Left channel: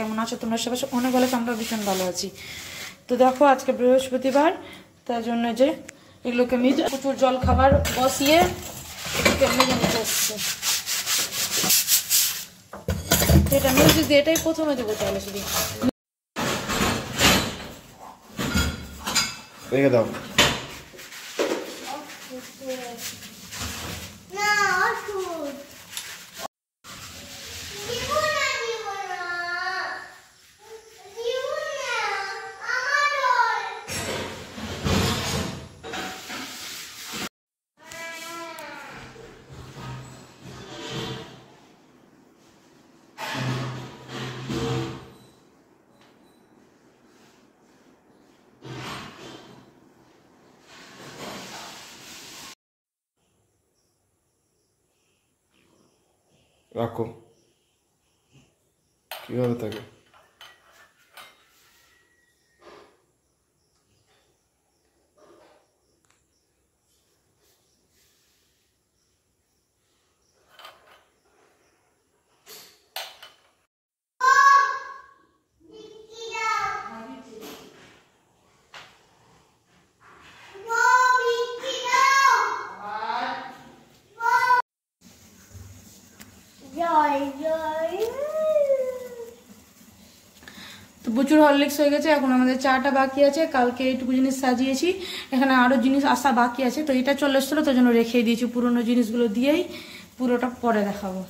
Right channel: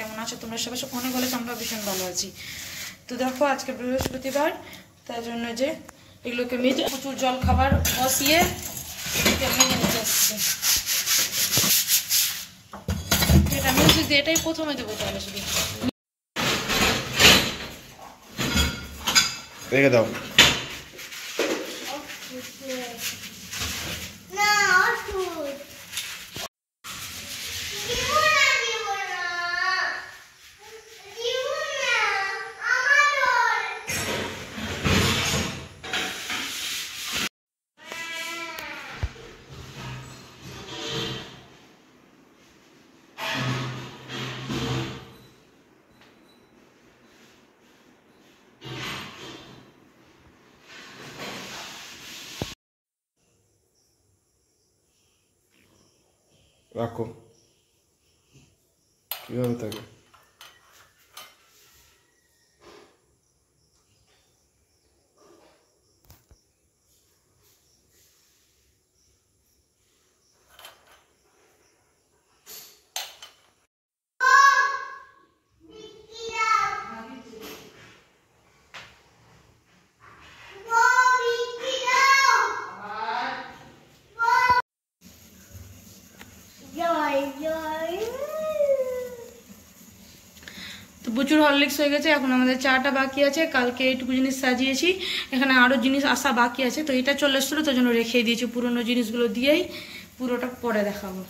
কেমন আছো তোমরা সবাই? অনেক ভালো, আমরা ভীষণ ভালো আছি। তো দেখো আজকে বৃহস্পতিবার, তার জন্য যে এগুলোকে মেজে প্রচুর জল খাবার বসিয়ে মেজে নিতে এসছে। এটা মিউজিক দিয়ে এটাই প্রথমে দেবো, তাহলে শুধু রেখে দাও। রাখো, কিভাবে থাকে? প্রচুর হরলিক্স হয়ে গেছে। এখন আমাদের চাটা বাকি আছে, কালকে এইটুকু জিনিস সাজিয়েছি, এখানে আরো জিনিস আসা বাকি আছে। তো এটা চলে এসেছিল, তার জন্য রেখে দিয়েছি। পুরোনো জিনিসগুলো দিয়েই পুরোটা পরে দেখাবো।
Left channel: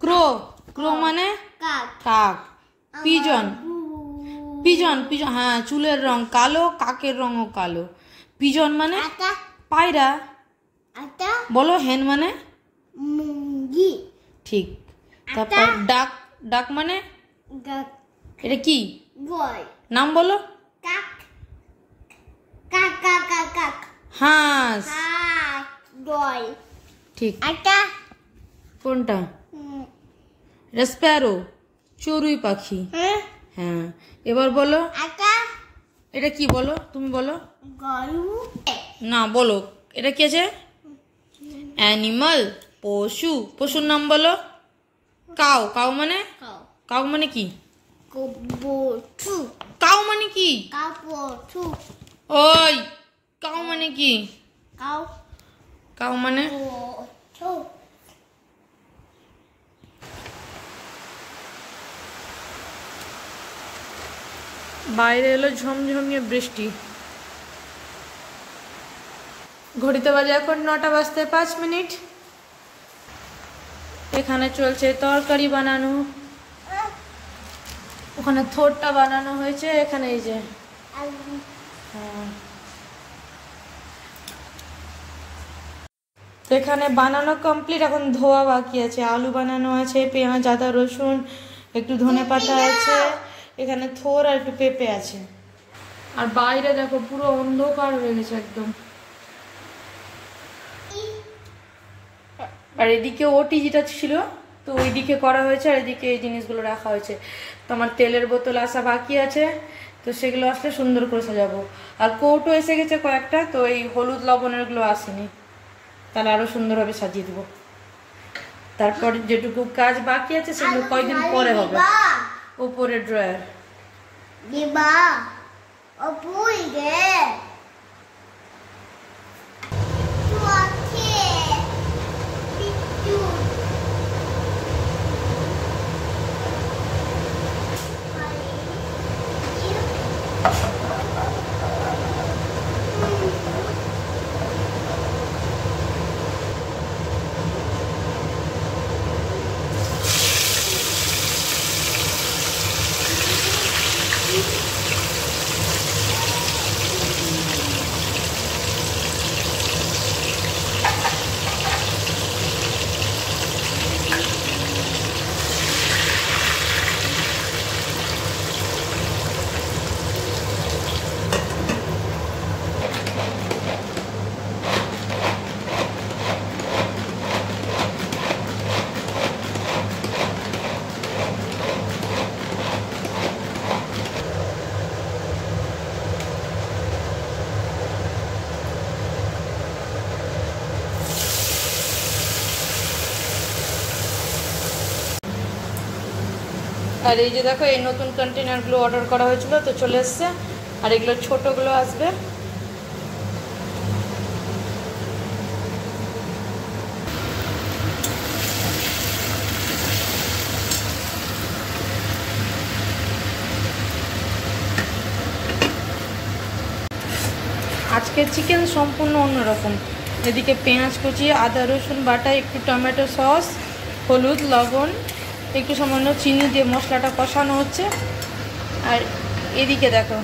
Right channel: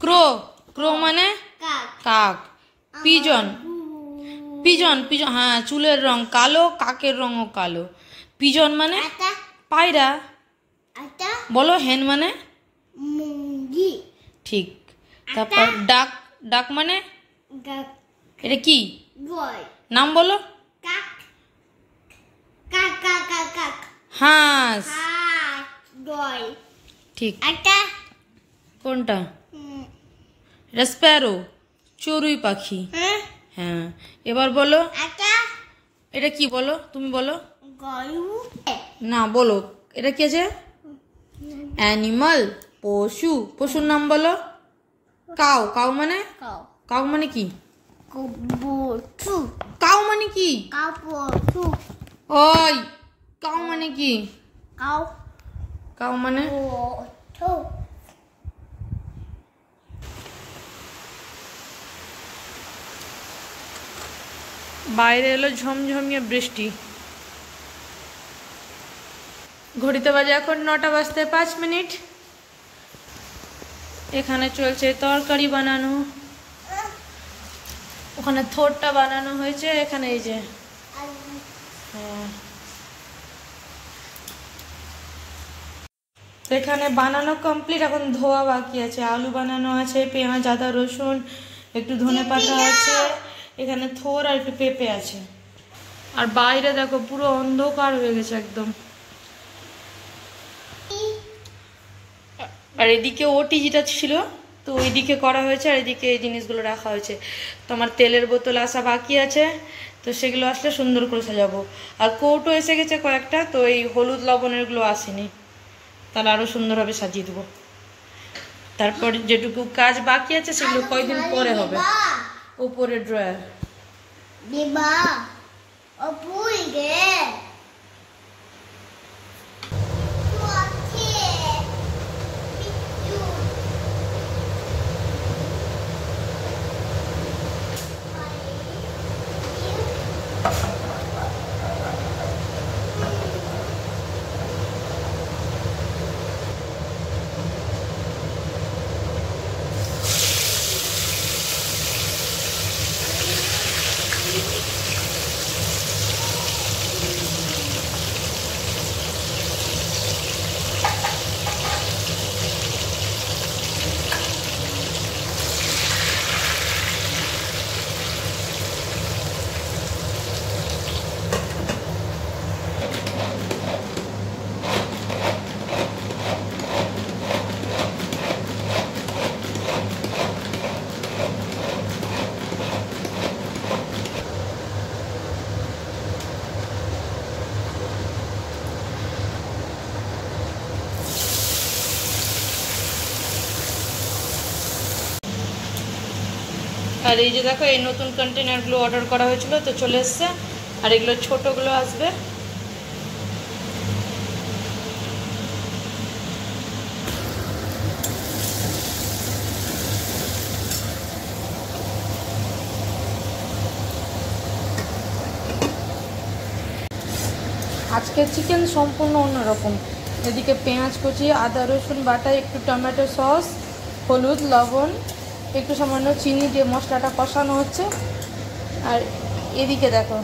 ক্রো, ক্রো মানে কাক। পিজন, পিজন, পিজন, হ্যাঁ চুলের রং কালো, কাকের রঙও কালো। পিজন মানে পায়রা। বলো হেন মানে ঠিক। তারপর ডাক, ডাক মানে এটা কি নাম বলো? হাঁস, ঠিক। কোনটা? এটা স্প্যারো, চড়ুই পাখি। হ্যাঁ, এবার বলো এটা কি, বলো তুমি বলো। না বলো, এটা কি আছে? অ্যানিমাল, পশু। পশুর নাম বলো। কাউ, কাউ মানে? কাউ মানে কি? কাউ মানে কি? ওই কাউ মানে কি? কাউ মানে বাইরে এলো ঝমঝমিয়ে বৃষ্টি। ঘড়িতে বাজে এখন 9টা বাজতে 5 মিনিট। এখানে চলছে তরকারি বানানো, ওখানে থোরটা বানানো হয়েছে, এখানে এই যে হ্যাঁ এখানে বানানো কমপ্লিট, এখন ধোয়া বাকি আছে। আলু বানানো আছে, পেঁয়াজ, আদা, রসুন, একটু ধনেপাতা আছে, এখানে থোর আর একটু পেঁপে আছে। আর বাইরে দেখো পুরো অন্ধকার হয়ে গেছে একদম। আর এদিকে ওটি যেটা ছিল, তো ওইদিকে করা হয়েছে, আর এদিকে এই জিনিসগুলো রাখা হয়েছে। তো আমার তেলের বোতল আসা বাকি আছে, তো সেগুলো আসলে সুন্দর করে সাজাবো। আর কৌটো এসে গেছে কয়েকটা, তো এই হলুদ লবণের গুলো আসেনি, তাহলে আরো সুন্দরভাবে সাজিয়ে দেবো। তারপর যেটুকু কাজ বাকি আছে সেগুলো কয়েকদিন পরে হবে। উপরে ড্রয়ার আর এই যে দেখো এই নতুন কন্টেনারগুলো অর্ডার করা হয়েছিল, তো চলে এসছে। আর এগুলো ছোটোগুলো আসবে। আজকের চিকেন সম্পূর্ণ অন্যরকম। এদিকে পেঁয়াজ কুচি, আদা রসুন বাটা, একটু টমেটো সস, হলুদ, লবণ, একটু সামান্য চিনি দিয়ে মশলাটা কষানো হচ্ছে। আর এদিকে দেখো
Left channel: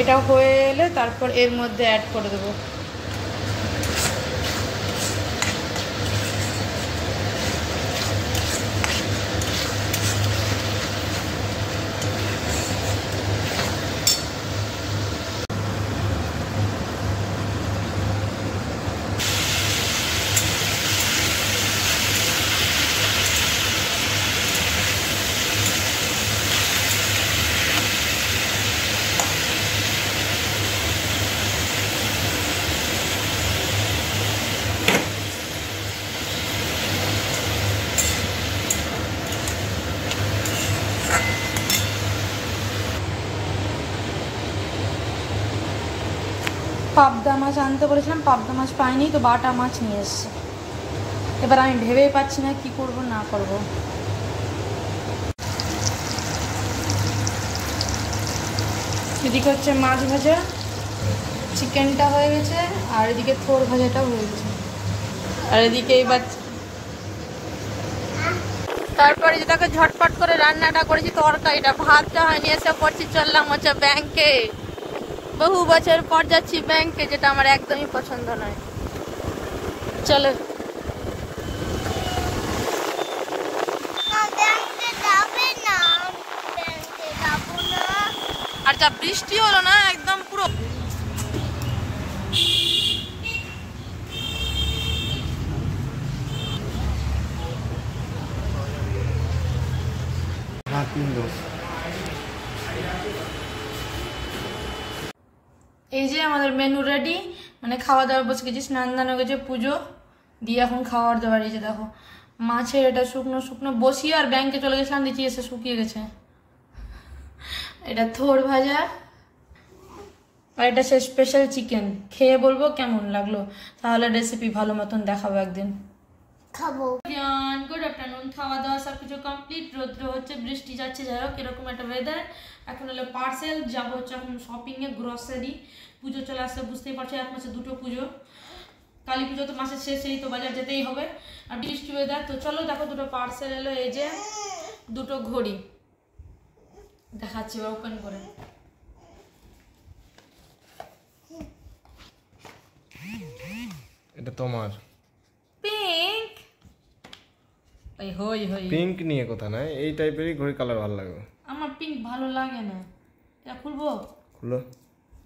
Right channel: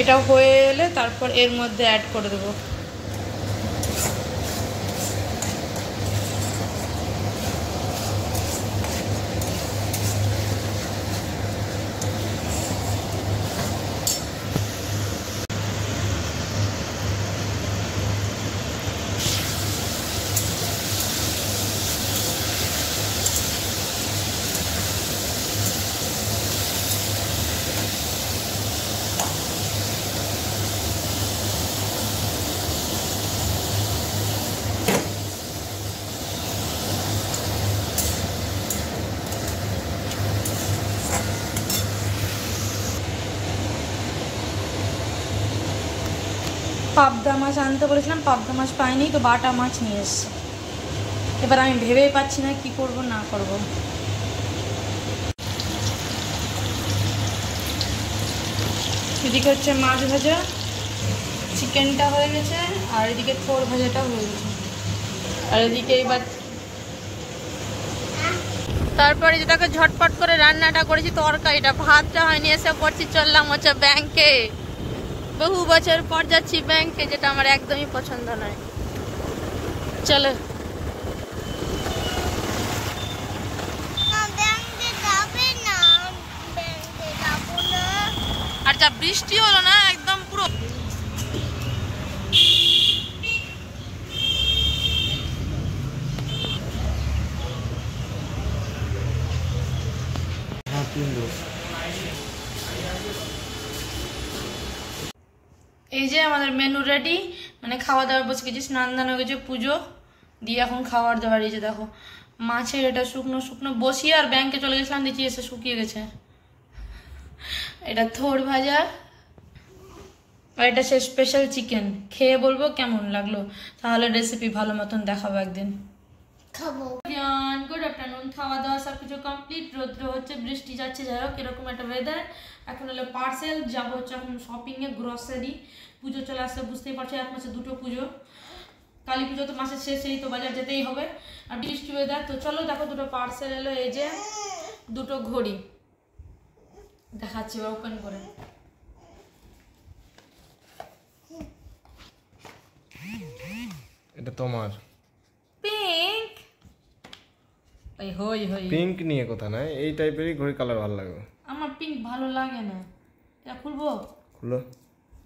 এটা হয়ে এলে তারপর এর মধ্যে অ্যাড করে দেবো। পাবদা মাছ আনতে বলেছিলাম, পাবদা মাছ পাইনি, তো বাটা মাছ নিয়ে এসছে। এবার আমি ভেবেই পাচ্ছি না কি করব না করব। এদিকে হচ্ছে মাছ ভাজা, চিকেনটা হয়ে গেছে, আর এদিকে থোর ভাজাটাও হয়ে গেছে। আর এদিকে এবার তারপরে যেটাকে ঝটপট করে রান্নাটা করেছি, তরকারিটা, ভাতটা হয়নি, এসে পড়ছি চললাম হচ্ছে ব্যাংকে। বহু বছর পর যাচ্ছি ব্যাংকে, যেটা আমার একদমই পছন্দ নয়। চলো আর যা বৃষ্টি হলো না, একদম পুরো এই যে আমাদের মেনু রেডি, মানে খাওয়া দাওয়া বসে গেছি, স্নান দান হয়ে গেছে, পুজো দিয়ে এখন খাওয়ার দাওয়ার। এই যে দেখো মাছের এটা শুকনো শুকনো বসিয়ে আর ব্যাংকে চলে গেছিলাম, দিচ্ছি এসে শুকিয়ে গেছে। এটা থোর ভাজা, আর এটা সে স্পেশাল চিকেন। খেয়ে বলবো কেমন লাগলো, তাহলে রেসিপি ভালো মতন দেখাবো একদিন। খাবো। গুড আফটারনুন, খাওয়া দাওয়া সবকিছু কমপ্লিট। রৌদ্র হচ্ছে, বৃষ্টি যাচ্ছে, যাই হোক এরকম একটা ওয়েদার। এখন হলো পার্সেল, যাবো হচ্ছে এখন শপিংয়ে, গ্রসারি। পুজো চলে আসছে, বুঝতেই পারছো, এক মাসে দুটো পুজো। কালী পুজো তো মাসের শেষেই, তো বাজার যেতেই হবে। আর বৃষ্টি ওয়েদার, তো চলো দেখো দুটো পার্সেল এলো। এই যে দুটো ঘড়ি দেখাচ্ছি ওপেন করে। এটা তোমার পিঙ্ক, এই হই হই পিঙ্ক নিয়ে কথা নাই, এই টাইপেরই ঘড়ি কালার ভালো লাগে। আমার পিঙ্ক ভালো লাগে না, এটা খুলবো? খুলো,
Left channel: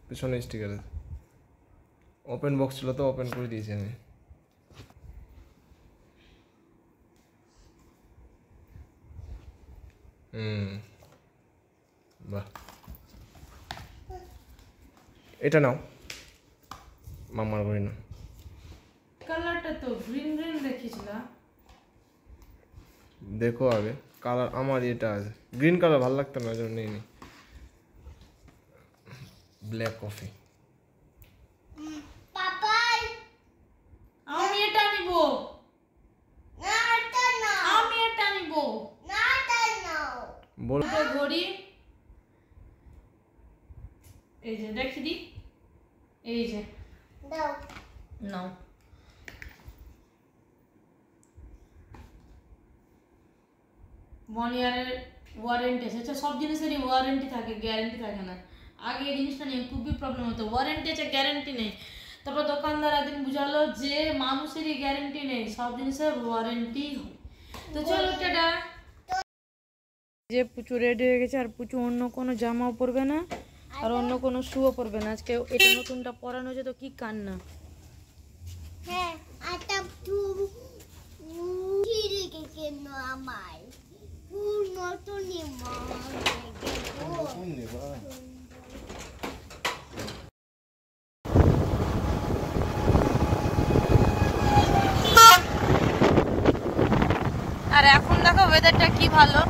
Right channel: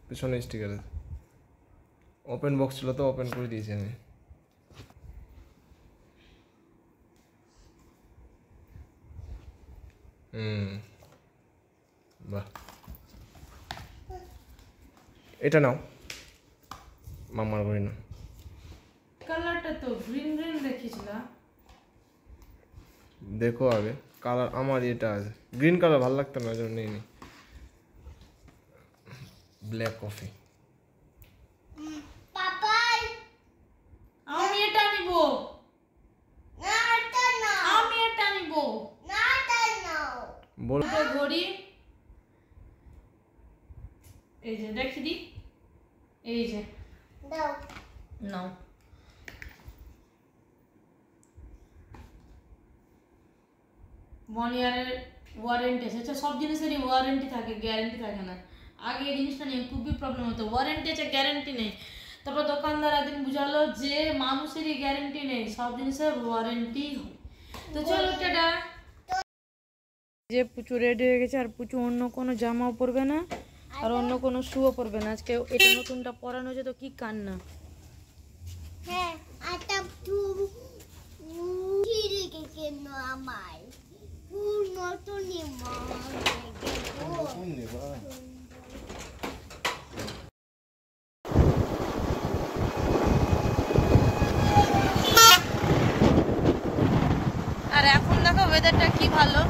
পিছনে স্টিকার আছে। ওপেন বক্স ছিল তো, ওপেন করে দিয়েছি আমি। বাহ, এটা নাও, মামার ঘড়ি না। কালারটা তো গ্রিন গ্রিন দেখিয়েছিলাম, দেখো আগে কালার। আমার এটা আছে গ্রিন কালার, ভালো লাগতো না, জন্য নেই। Black coffee. আমি এটা নিব, আমি এটা নিব। বলতে ঘড়ি, এই যে দেখি দি, এই যে নাও। 1 ইয়ারের ওয়ারেন্টি আছে। আচ্ছা, সব জিনিসেরই ওয়ারেন্টি থাকে, গ্যারেন্টি থাকে না। আগে এই জিনিসটা নিয়ে খুবই প্রবলেম হতো, ওয়ারেন্টি আছে গ্যারেন্টি নেই। তারপর দোকানদার একদিন বুঝালো যে মানুষেরই গ্যারেন্টি নেই, সব জিনিসের ওয়ারেন্টি হয়। তো চলো টাটা। যে পুচু রেডি হয়ে গেছে, আর পুচু অন্য কোনো জামাও পরবে না, আর অন্য কোনো শুও পরবে না। আজকে এটা নতুনটা পরানো হয়েছে, তো কি কান্না। হ্যাঁ, আটা কেন আমার নতুন ওয়েদারটা কি ভালো,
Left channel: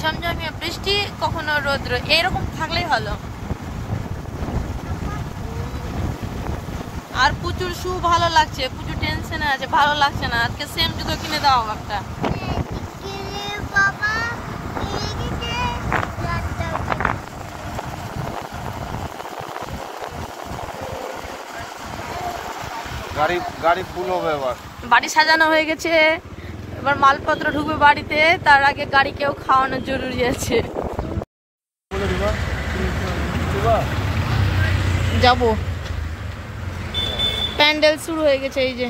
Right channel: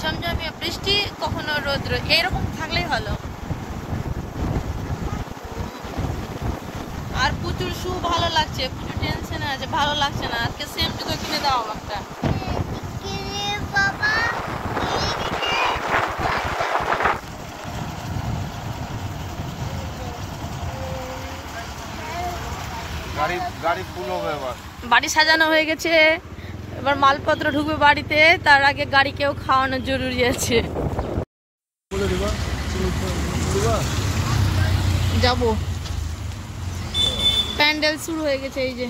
ঝমঝমিয়ে বৃষ্টি, কখনো রোদ্র, এইরকম থাকলেই ভালো। আর প্রচুর শু ভালো লাগছে, প্রচুর টেনশনে আছে, ভালো লাগছে না। আজকে সেম জুতো কিনে দাও একটা। বাবা গাড়ি ফুল হবে এবার। বাড়ি সাজানো হয়ে গেছে, এবার মালপত্র ঢুকবে বাড়িতে, তার আগে গাড়িকেও খাওয়ানো জরুরি আছে। যাব, প্যান্ডেল শুরু হয়ে গেছে। এই যে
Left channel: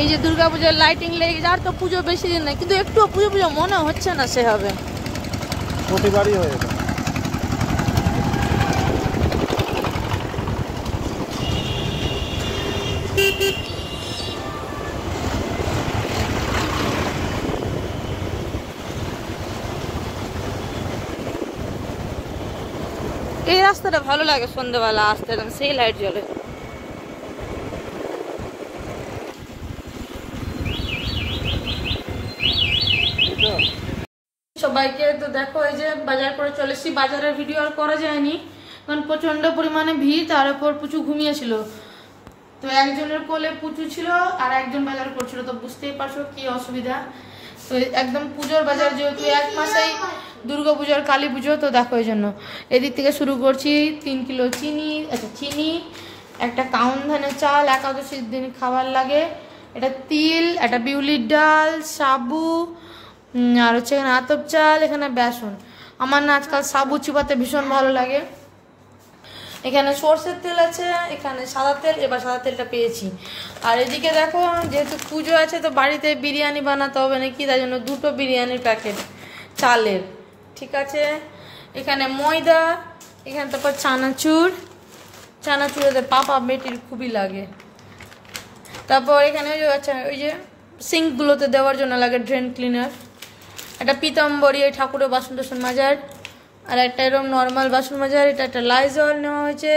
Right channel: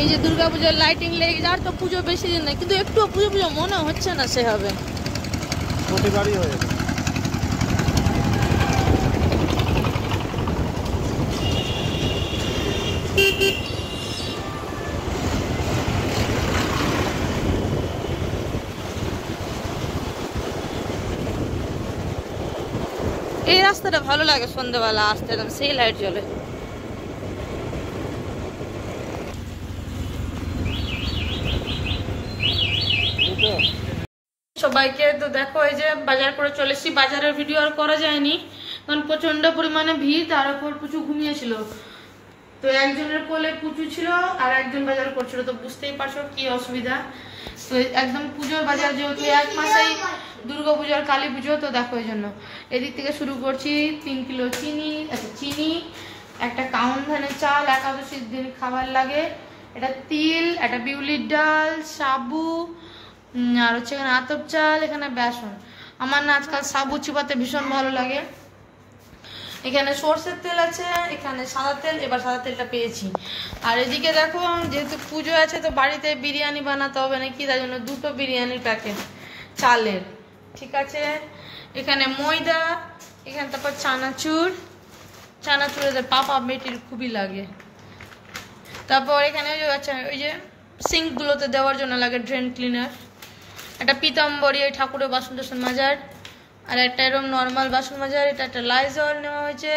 এই যে দুর্গাপূজার লাইটিং লেগে যাওয়ার তো পুজো বেশি দিন নাই, কিন্তু একটু পুজো পুজো মনে হচ্ছে না সে হবে। প্রতিবারই হয়ে গেছে। এই রাস্তাটা ভালো লাগে সন্ধ্যাবেলা আসতে, একদম সেই লাইট জ্বলে। সবাইকে তো দেখো, এই যে বাজার করে চলে এসেছি। বাজারের ভিডিও আর করা যায়নি কারণ প্রচন্ড পরিমাণে ভিড়, তার উপর পুচু ঘুমিয়েছিল। তো একজনের কোলে পুচু ছিল আর একজন বাজার করছিল, তো বুঝতেই পারছো কি অসুবিধা। তো একদম পুজোর বাজার, যেহেতু এক মাসেই দুর্গা পুজোর কালী পুজো, তো দেখো এই জন্য এদিক থেকে শুরু করছি। 3 কিলো চিনি, চিনি, একটা কাউন ধানের চাল, একাদশীর দিন খাবার লাগে, এটা তিল, একটা বিউলির ডাল, সাবু, আর হচ্ছে এখানে আতপ চাল, এখানে বেসন। আমার না আজকাল সাবু চিবাতে ভীষণ ভালো লাগে। এখানে সর্ষের তেল আছে, এখানে সাদা তেল, এবার সাদা তেলটা পেয়েছি। আর এদিকে দেখো, যেহেতু পুজো আছে তো বাড়িতে বিরিয়ানি বানাতে হবে নাকি, তাই জন্য 2টো বিরিয়ানির প্যাকেট চালের, ঠিক আছে। এখানে ময়দা, এখানে তারপর চানাচুর, চানাচুর এদের পাপা বেটির খুবই লাগে। তারপর এখানে ওই যে সিঙ্কগুলোতে দেওয়ার জন্য লাগে ড্রেন ক্লিনার, একটা পিতাম্বরী, ওই ঠাকুরের বাসন টাসন মাজার, আর একটা এরকম নর্মাল বাসন মাজার, এটা একটা লাইজল নেওয়া হয়েছে।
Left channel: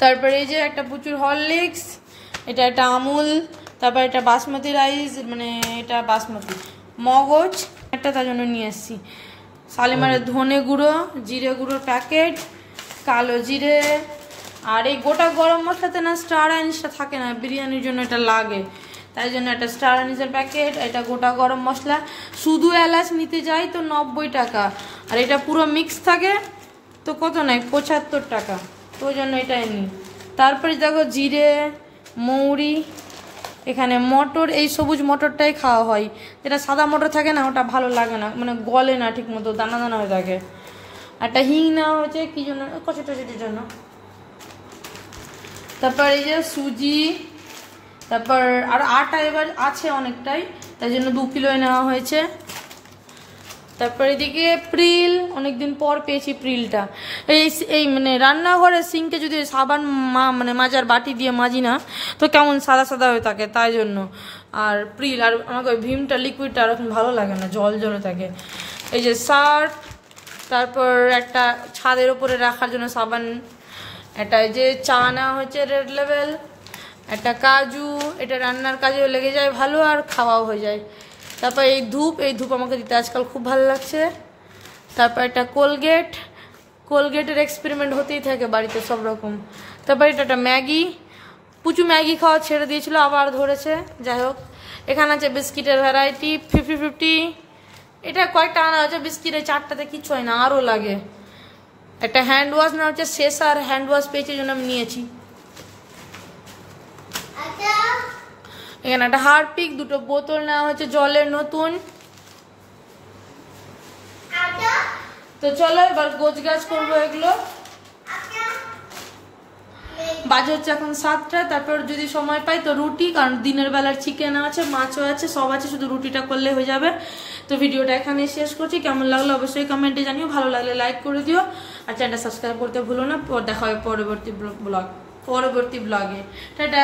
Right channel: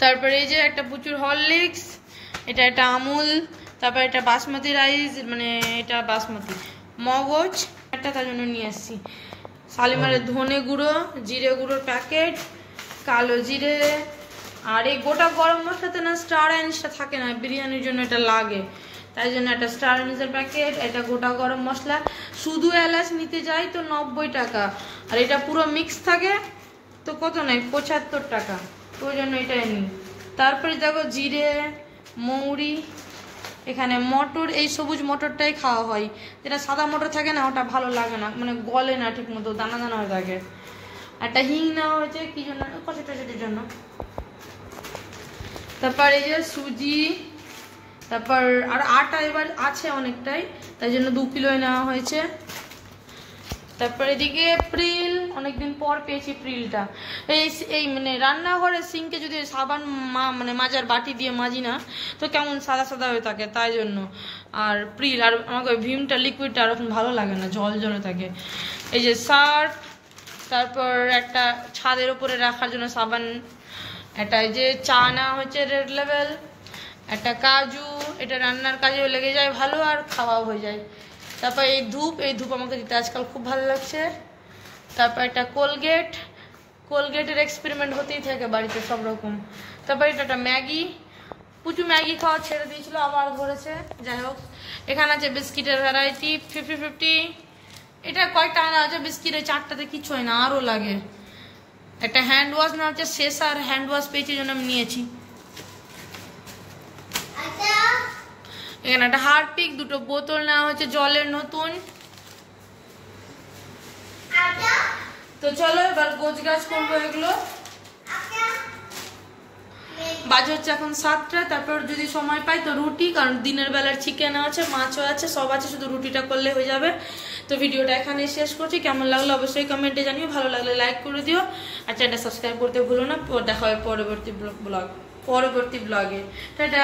তারপরে এই যে একটা প্রচুর হরলিক্স, এটা একটা আমুল, তারপর এটা বাসমতি রাইস, মানে এটা বাসমতি মগজ একটা, তার জন্য নিয়ে এসেছি। শালিমারের ধনে গুঁড়ো, জিরে গুঁড়োর প্যাকেট, কালো জিরে, আর এই গোটা গরম মশলাতে না স্টার অ্যানিসটা থাকে না, বিরিয়ানির জন্য এটা লাগে, তাই জন্য একটা স্টার অ্যানিসের প্যাকেট, এটা গোটা গরম মশলা। শুধু এলাচ নিতে যাই তো 90 টাকা, আর এটা পুরো মিক্স থাকে তো কত নাই 75 টাকা, তো ওই জন্য এটাই নিই। তারপরে দেখো জিরে, মৌরি, এখানে মটর, এই সবুজ মটরটাই খাওয়া হয়, যেটা সাদা মটর থাকে না ওটা ভালো লাগে না, মানে গলে না ঠিক মতো, দানা দানা হয়ে থাকে। একটা হিং নেওয়া হয়েছে কি জন্য, কচি টচিটির জন্য। তারপর এই যে সুজি, তারপর আর আটা এবার আছে অনেকটাই, তাই জন্য 2 কিলো নেওয়া হয়েছে। তারপর এদিকে প্রিল, অনেকদিন পর পেয়েছি প্রিলটা। এই মানে রান্নাঘরের সিঙ্কে যদি সাবান মানে মাজার বাটি দিয়ে মাজি না তো কেমন সাদা সাদা হয়ে থাকে, তাই জন্য। আর প্রিল, আর আমাকে ভীমটা লিকুইডটা আর ভালো লাগে না, জল জলে থাকে। এই যে সার্ফ, তারপর একটা ছাদের উপরে রাখার জন্য সাবান, একটা এই যে চা নেওয়া হচ্ছে রেড লেভেল, একটা কাজু, এটা রান্নার কাজেও লেগে যায় ভালো আর খাওয়াও হয়ে যায়। তারপর এই ধূপ আমাকে দিতে আজকাল খুব ভালো লাগছে। তারপর একটা কোলগেটের এক্সপেরিমেন্ট হতেই থাকে বাড়িতে সব রকম। তারপর এটা একটা ম্যাগি, পুচু ম্যাগি খাওয়া ছেড়ে দিয়েছিল, আবার ধরেছে, যাই হোক। এখানে আছে বিস্কিটের ভ্যারাইটি 50-50, এটা কয়েকটা আনা আছে বিস্কিট, এই 4টাতে কিচ্ছু হয় না, আরও লাগে। একটা হ্যান্ড ওয়াশ নেওয়া হচ্ছে, শেষ আর হ্যান্ড ওয়াশ পেয়েছি জন্য আমি নিয়েছি। এখানে একটা হারপিক, 2টো বোতল নেওয়া হচ্ছে জলের নতুন। তো চলো এবার গোছগাছ করবো এগুলো। বাজে হচ্ছে এখন 7টা। তারপর যদি সময় পাই তো রুটি, কারণ দিনের বেলার চিকেন আছে, মাছও আছে, সব আছে, শুধু রুটিটা করলে হয়ে যাবে। তো ভিডিওটা এখানে শেষ করছি। কেমন লাগলো অবশ্যই কমেন্টে জানিও, ভালো লাগলে লাইক করে দিও, আর চ্যানেলটা সাবস্ক্রাইব করতে ভুলো না। দেখা হয় পরবর্তী ব্লগে। টাটা।